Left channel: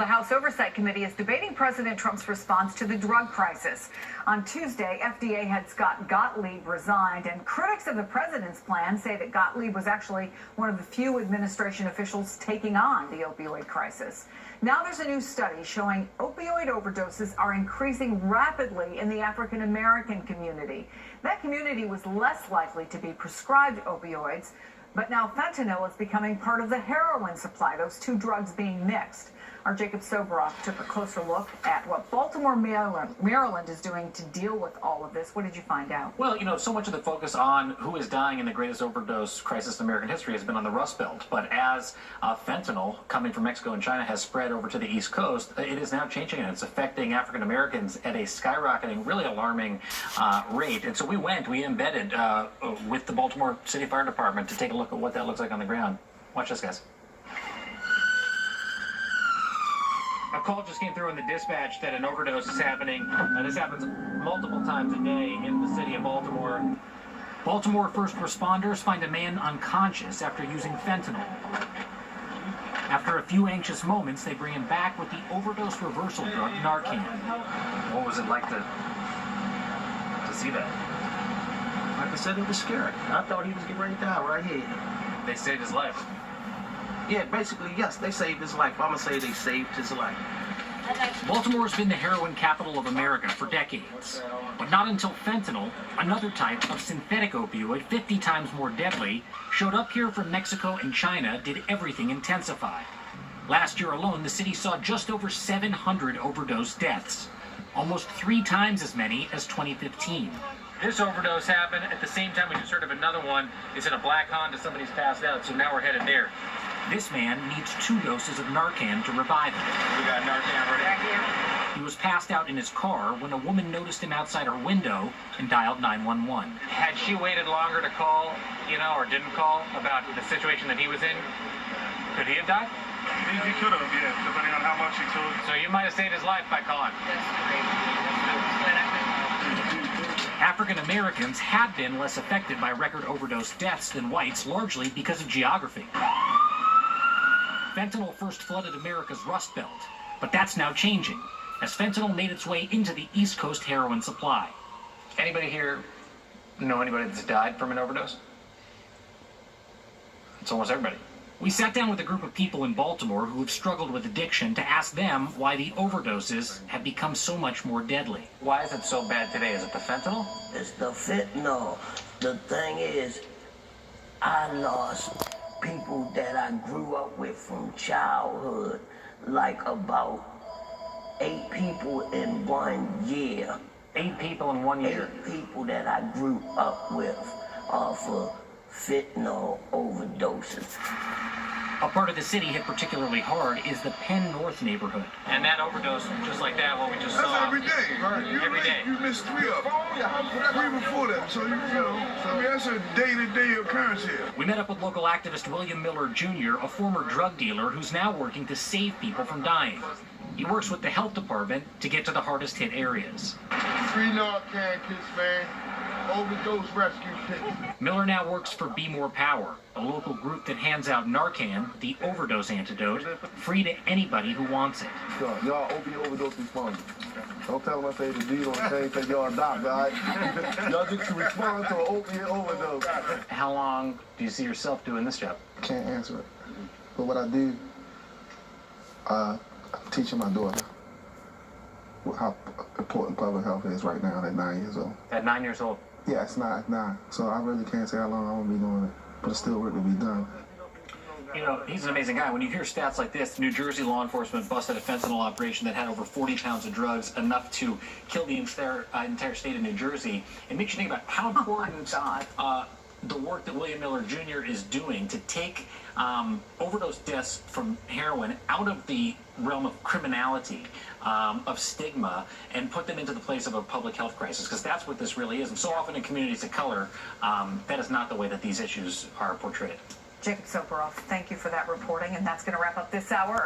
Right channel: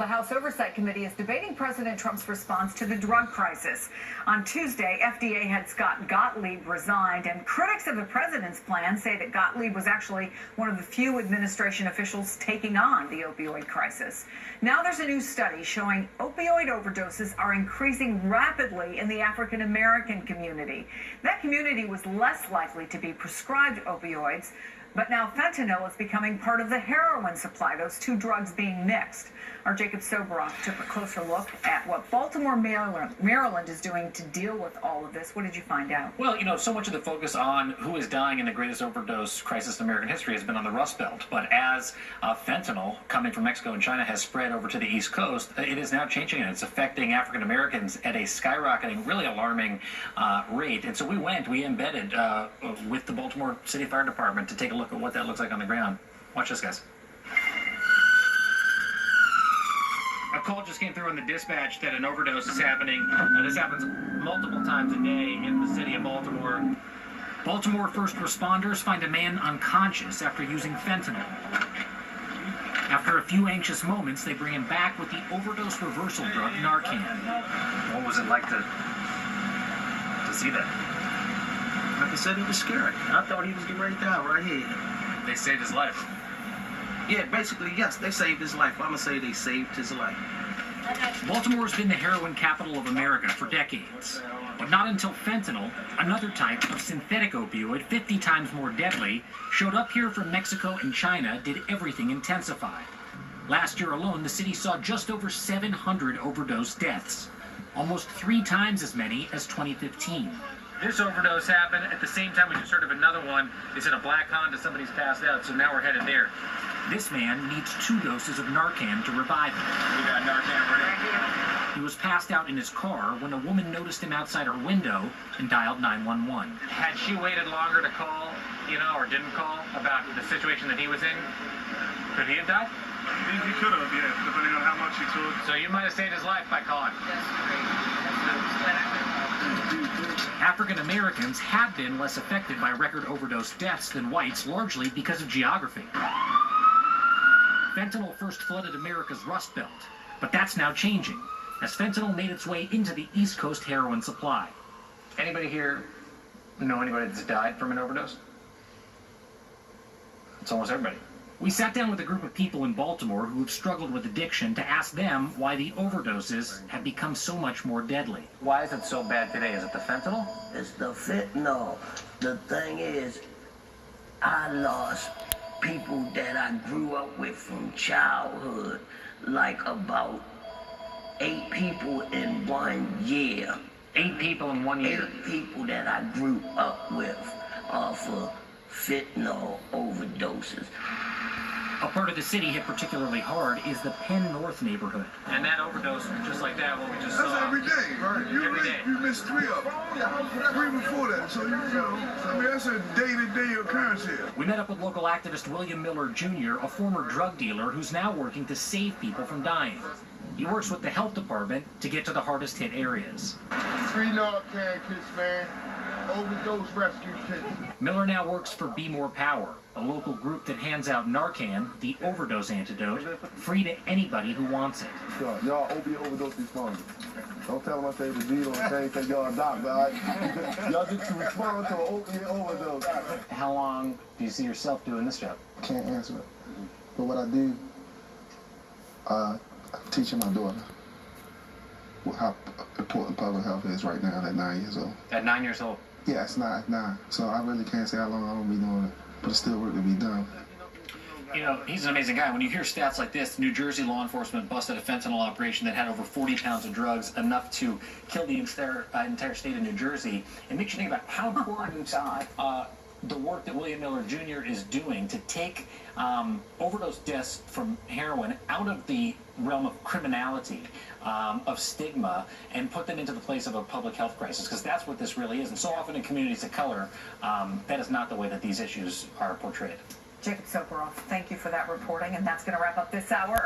The House Oversight Committee is debating President Trump's response to the drug crisis. On Tuesday, FDA head Scott Gottlieb resigned, and critics of the president's plan say that Gottlieb was actually one of the few administration officials taking on the opioid crisis. Now there's a new study showing opioid overdoses are increasing rapidly in the African American community. That community was less likely to be prescribed opioids, but now fentanyl is becoming part of the heroin supply, those two drugs being mixed. Our Jacob Soboroff took a closer look at what Baltimore, Maryland is doing to deal with all of this. What did you find out? Well, so much of the focus on who is dying in the greatest overdose crisis in American history has been on the Rust Belt. But as fentanyl coming from Mexico and China has spread over to the East Coast, it is now changing, and it's affecting African Americans at a skyrocketing, really alarming rate. And so we embedded with the Baltimore City Fire Department to take a look at what that looks like on the ground. Watch this, guys. A call just came through in the dispatch that an overdose is happening. This happens multiple times a day in the city of Baltimore. Baltimore first responders find a man unconscious after using fentanyl. After a few anxious moments, they bring him back with the overdose reversal drug Narcan. What was it like to see that? Like I said, it was scary. I thought he was getting ready to die right here. They saved his life. Yeah, basically, yes, they saved his life. I'm going to say they saved his life. Baltimore's been the heroin capital of America for decades. But not until fentanyl, another type of synthetic opioid 50 times more deadly, showed up here from Mexico and China, did everything intensify. Last year alone, the city saw just over 700 overdose deaths, almost 3 times as many as 2015. This overdose happened at the same time we just heard of another one. It's in a black Honda. Somebody's passed out, so now we're headed there. This man needs 2 doses of Narcan to revive him. We got Narcan right here. He was passed out in his car when a woman noticed him outside her window and dialed 911. Had she waited longer to call, or didn't call about the situation that he was in, could he have died? He could have, yeah, depending on how much he took. So you might have saved his life by calling. African Americans have been less affected by record overdose deaths than whites, largely because of geography. Fentanyl first flooded America's Rust Belt, but that's now changing, as fentanyl made its way into the East Coast heroin supply. Anybody here know anybody that's died from an overdose? It's almost everybody. We sat down with a group of people in Baltimore who have struggled with addiction to ask them why the overdoses have become so much more deadly. Why is it so bad today? Is it the fentanyl? It's the fentanyl. The thing is, I lost people that I grew up with from childhood, like about 8 people in 1 year. 8 people in 1 year? 8 people that I grew up with off of fentanyl overdoses. A part of the city hit particularly hard is the Penn North neighborhood. And that overdose, just like that, what we just That's saw. every day, right? Every day. You missed 3 of them. 3 before that, so that's a day-to-day occurrence here. We met up with local activist William Miller Jr., a former drug dealer who's now working to save people from dying. He works with the health department to get to the hardest hit areas. Free Narcan kits, man. Overdose rescue kits. Miller now works for Be More Power, a local group that hands out Narcan, the overdose antidote, free to anybody who wants it. Y'all opiate overdose responders. Don't tell them I say the deal on the thing, say y'all a doctor, all right? Y'all just to respond to an opiate overdose. How long do you see yourself doing this job? Can't answer it. But what I do, I'm teaching my daughter how important public health is right now at 9 years old. At 9 years old? Yeah, it's 9. So I really can't say how long I'm gonna be doing it, but it's still work to be done. He's an amazing guy. When you hear stats like this, New Jersey law enforcement busted a fentanyl operation that had over 40 pounds of drugs, enough to kill the entire state of New Jersey. It makes you think about how important the work that William Miller Jr. is doing to take overdose deaths from heroin out of the realm of criminality, of stigma, and put them into the place of a public health crisis, because that's what this really is. And so often in communities of color, that is not the way that these issues are portrayed. Jacob Soboroff, thank you for that reporting, and that's going to wrap up this hour.